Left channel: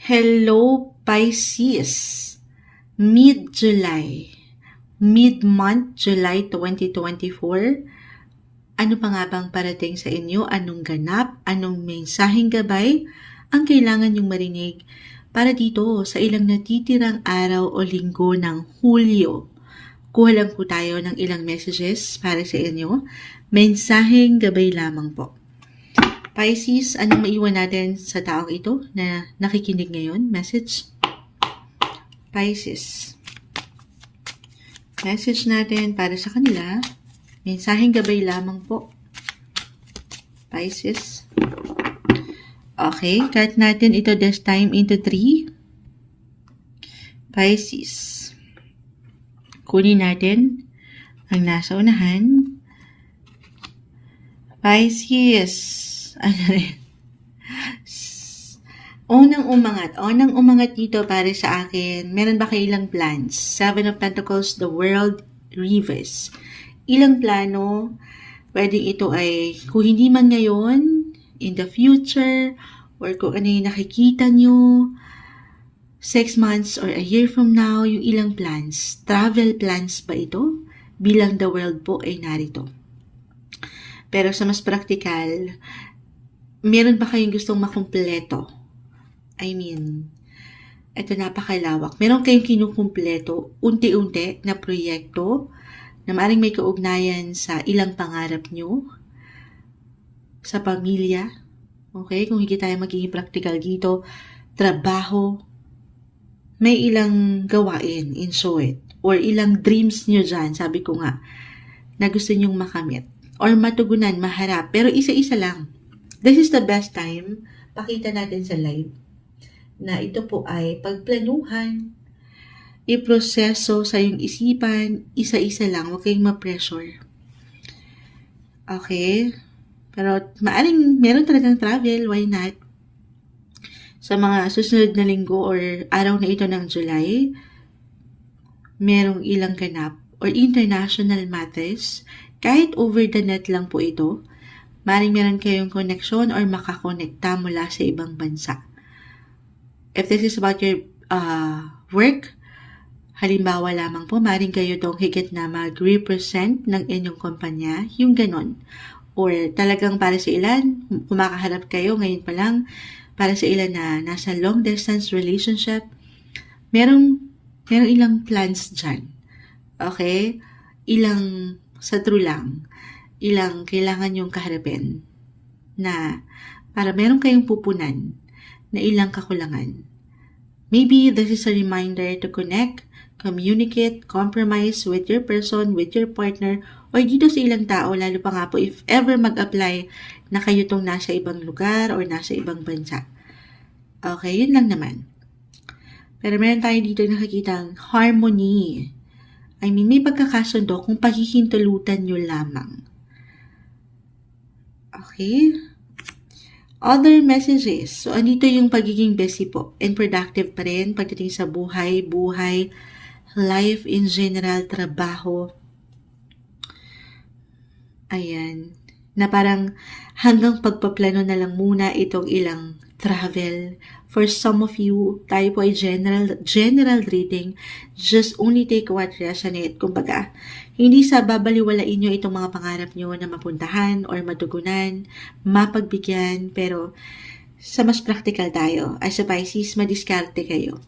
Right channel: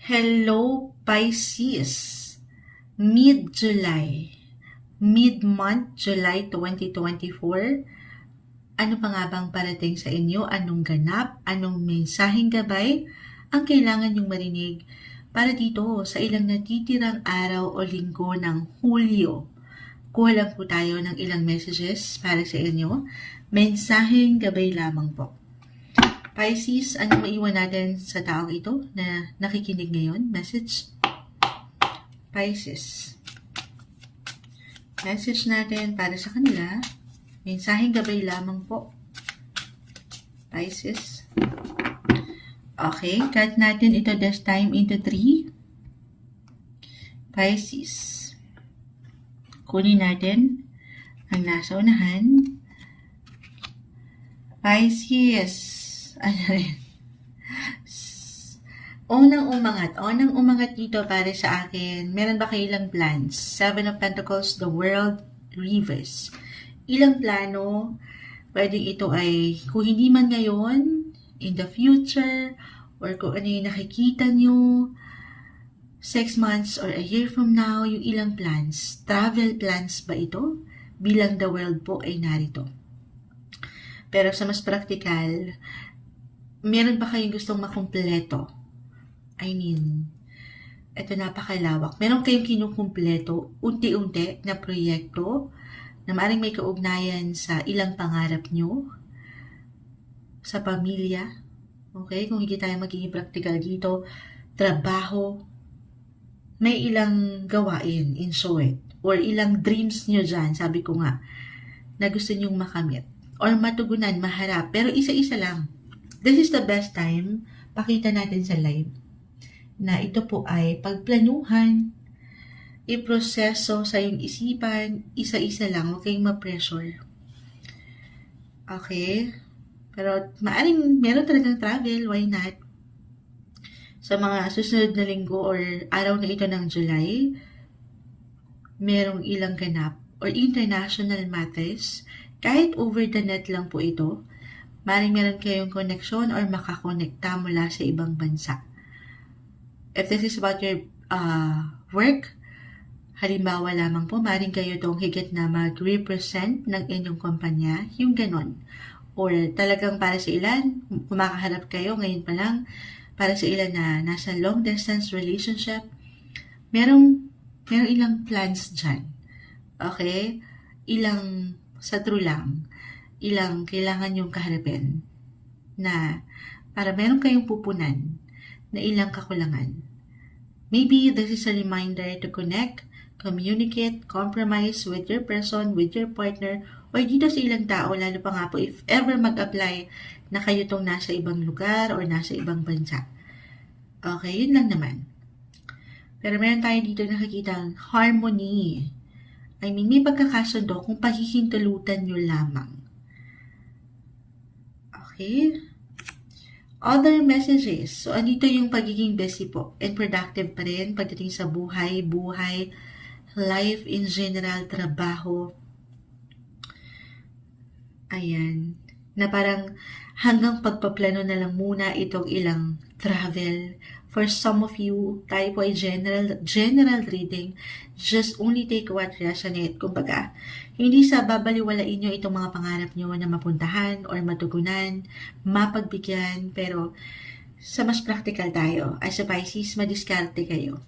Hello, Pisces. Mid-July. Mid-month, July 2024. Ano pa nga bang parating sa inyo? Anong ganap? Anong mensaheng gabay ang kailangan yung marinig para dito sa ilang natitirang araw o linggo ng Hulyo? Kuha lang po tayo ng ilang messages para sa inyo. Mensaheng gabay lamang po. Pisces, anong maiwan natin sa taong ito na nakikinig ngayon? Message? Pisces. Message natin para sa kanila. Mensaheng gabay lamang po. Pisces. Okay, cut natin ito this time into 3. Pisces. Kunin natin ang nasa unahan. Pisces. Unang umangat dito para sa akin. Meron ba kayo ilang plans? 7 of Pentacles, the World, Reverse. Ilang plano, pwedeng ito ay kung hindi man ngayon, in the future, or kung ano yung nakikita nyo, 6 months or a year from now, yung ilang plans. Travel plans ba ito? Bilang the world po ay narito. Pero sa mas practical, meron ba kayong gustong makumpleto? I mean, ito napakalawak. Meron kayong kinukumpleto, unti-unti na proyekto na maaaring may kaugnayan sa ilang pangarap nyo, sa pamilya. Okay? Kung hindi tayo magiging practical dito, trabaho, may ilang gawain in short, or ilang dreams nyo dyan, sabi ko nga, na gusto nyong makamit, or matugunan, maharap, pero isa-isa lang. This is the best time, pakita natin sa live, na ito po ay pagplanuhan, iproseso sa iyong isipan, isa-isa lang, huwag kayong ma-pressure. Okay? Pero maaring meron talagang travel, why not? Sa mga susunod na linggo or araw na ito ng July, merong ilang ganap or international matters, kahit over the net lang po ito, maaaring meron kayong connection or makakonekta mula sa ibang bansa. If this is about your work, halimbawa lamang po, maaaring kayo tong higit na mag-represent ng inyong kumpanya, yung ganon. Or talagang para sa ilan, kumakaharap kayo ngayon pa lang, para sa ilan na nasa long distance relationship, merong ilang plans dyan. Okay? Ilang, sa true lang, ilang kailangan yung kaharapin na para meron kayong pupunan na ilang kakulangan. Maybe this is a reminder to connect, communicate, compromise with your person, with your partner, or dito sa ilang tao, lalo pa nga po if ever mag-apply na kayo tong nasa ibang lugar or nasa ibang bansa. Okay, yun lang naman. Pero meron tayo dito nakikita harmony. I mean, may pagkakasundo kung pahihintulutan nyo lamang. Okay? Other messages. So, andito yung pagiging busy po and productive pa rin pagdating sa buhay, life in general, trabaho. Ayan. Na parang hanggang pagpaplano na lang muna itong ilang travel. For some of you, tayo po ay general reading. Just only take what resonate. Kumbaga, hindi sa babaliwalain nyo itong mga pangarap nyo na mapuntahan or matugunan, mapagbigyan, pero sa mas practical tayo. As a Pisces, madiskarte kayo.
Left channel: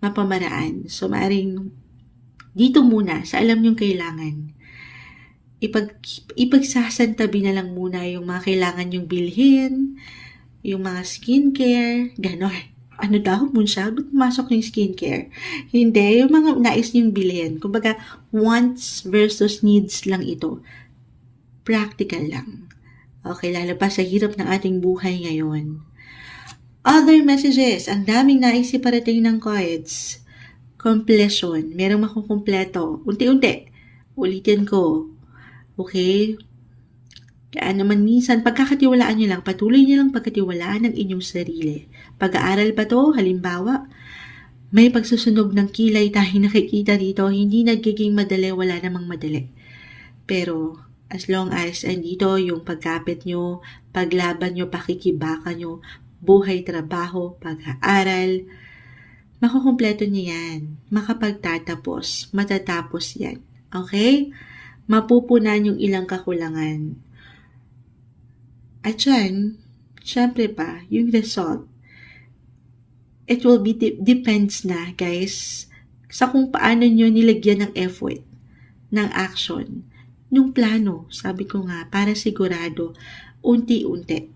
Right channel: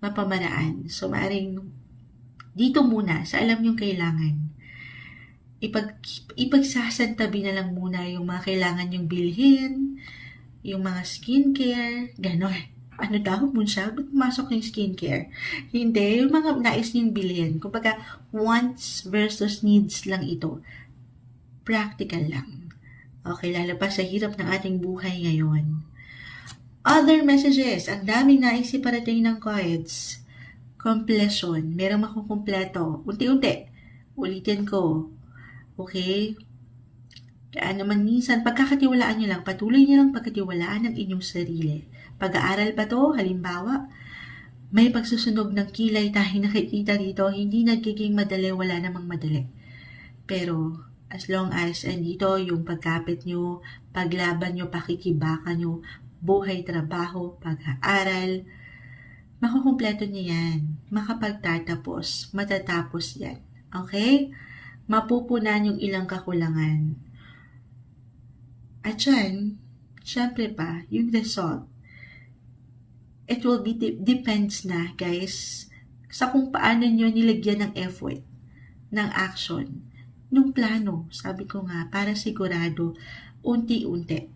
Mapamaraan. So, maaring dito muna sa alam nyong kailangan. Ipagsasantabi na lang muna yung mga kailangan nyong bilhin, yung mga skincare, gano'n. Ano daw, Munsha? Ba't pumasok yung skincare? Hindi, yung mga nais nyong bilhin. Kumbaga, wants versus needs lang ito. Practical lang. Okay, lalo pa sa hirap ng ating buhay ngayon. Other messages, ang daming nais iparating ng cards. Completion, merong makukumpleto. Unti-unti, ulitin ko. Okay? Kaya naman minsan, pagkakatiwalaan nyo lang, patuloy nyo lang pagkatiwalaan ng inyong sarili. Pag-aaral pa to, halimbawa, may pagsusunog ng kilay tayo nakikita dito, hindi nagiging madali, wala namang madali. Pero, as long as andito yung pagkapit nyo, paglaban nyo, pakikibaka nyo, buhay, trabaho, pag-aaral, makukumpleto niya yan. Makapagtatapos, matatapos yan. Okay? Mapupunan yung ilang kakulangan. At yan, syempre pa, yung result, it will be depends na, guys, sa kung paano nyo nilagyan ng effort, ng action, nung plano, sabi ko nga, para sigurado, unti-unti.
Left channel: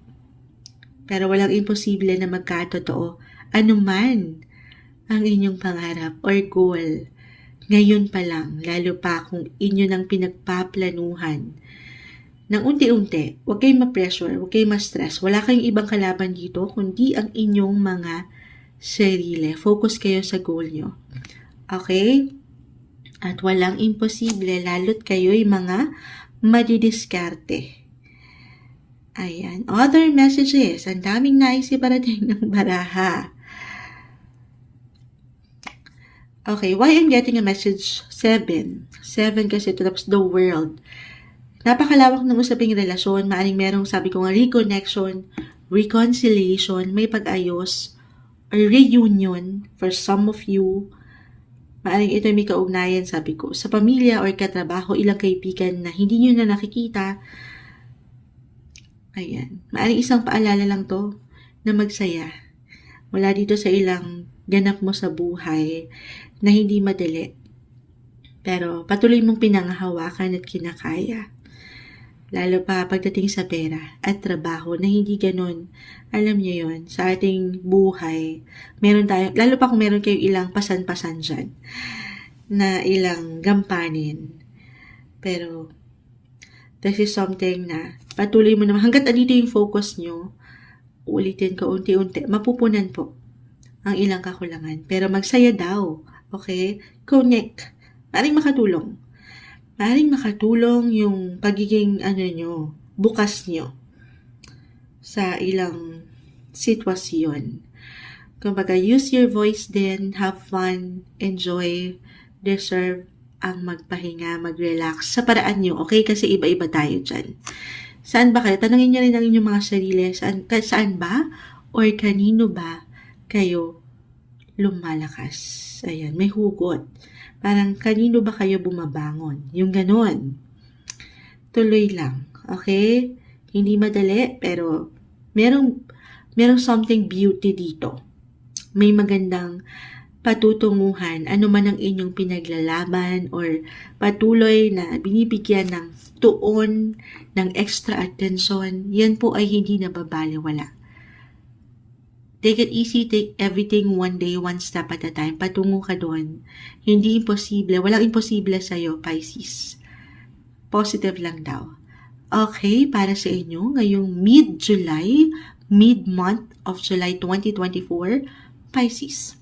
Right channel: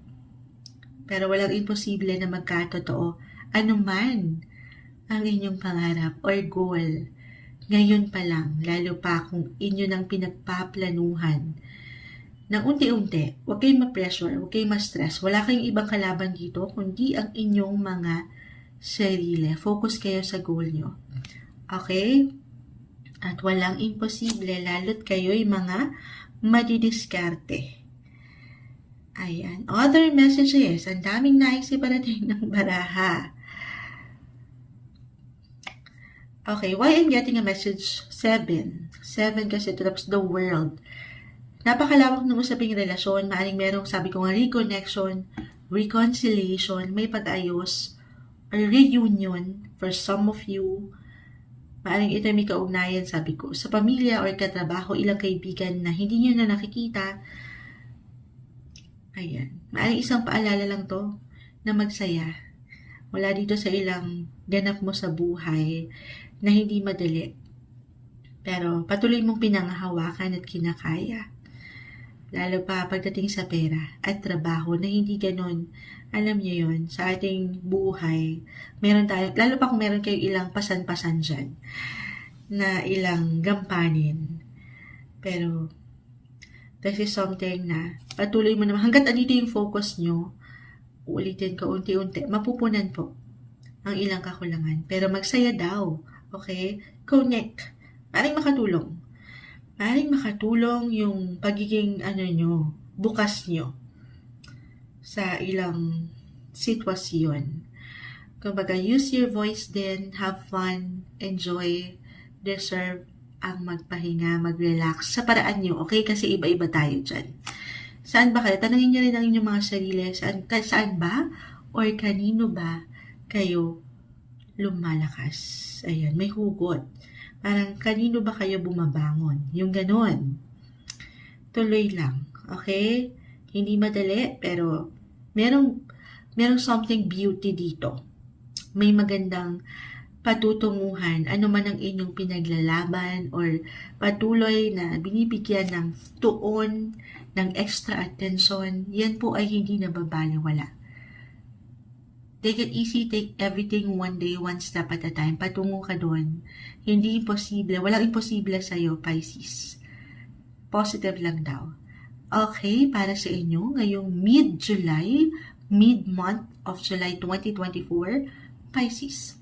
Pero walang imposible na magkatotoo, anuman ang inyong pangarap or goal. Ngayon pa lang, lalo pa kung inyo nang pinagpaplanuhan, ng unti-unti, huwag kayong ma-pressure, huwag kayong ma-stress. Wala kayong ibang kalaban dito, kundi ang inyong mga sarili. Focus kayo sa goal nyo. Okay? At walang imposible, lalo't kayo'y mga madidiskarte. Ayan. Other messages. Ang daming naisiparating ng baraha. Okay, why I'm getting a message? 7. 7 kasi ito, tapos the world. Napakalawak ng usaping relasyon. Maaring merong, sabi ko nga, reconnection, reconciliation, may pag-ayos, or reunion for some of you. Maaring ito may kaugnayan, sabi ko, sa pamilya or katrabaho, ilang kaibigan na hindi nyo na nakikita. Ayan. Maaring isang paalala lang to na magsaya. Mula dito sa ilang ganap mo sa buhay na hindi madali. Pero patuloy mong pinanghahawakan at kinakaya. Lalo pa pagdating sa pera at trabaho na hindi ganun. Alam niyo yon, sa ating buhay, meron tayo, lalo pa kung meron kayo ilang pasan-pasan dyan, na ilang gampanin. Pero, this is something na patuloy mo naman, hanggat andito yung focus nyo, ulitin ko unti-unti, mapupunan po ang ilang kakulangan. Pero magsaya daw, okay? Connect. Maring makatulong. Maring makatulong yung pagiging nyo, bukas nyo sa ilang sitwasyon. Kumbaga, use your voice din, have fun, enjoy, deserve ang magpahinga, mag-relax sa paraan nyo, okay? Kasi iba-iba tayo dyan. Saan ba kayo? Tanungin nyo rin ang inyong mga sarili, saan ba or kanino ba kayo lumalakas? Ayan, may hugot. Parang kanino ba kayo bumabangon? Yung ganun. Tuloy lang. Okay? Hindi madali, pero merong something beauty dito. May magandang patutunguhan. Ano man ang inyong pinaglalaban or patuloy na binibigyan ng tuon, ng extra attention, yan po ay hindi nababaliwala. Take it easy, take everything one day, one step at a time. Patungo ka doon. Hindi imposible. Walang imposible sa'yo, Pisces. Positive lang daw. Okay, para sa inyo, ngayong mid-July, mid-month of July 2024, Pisces.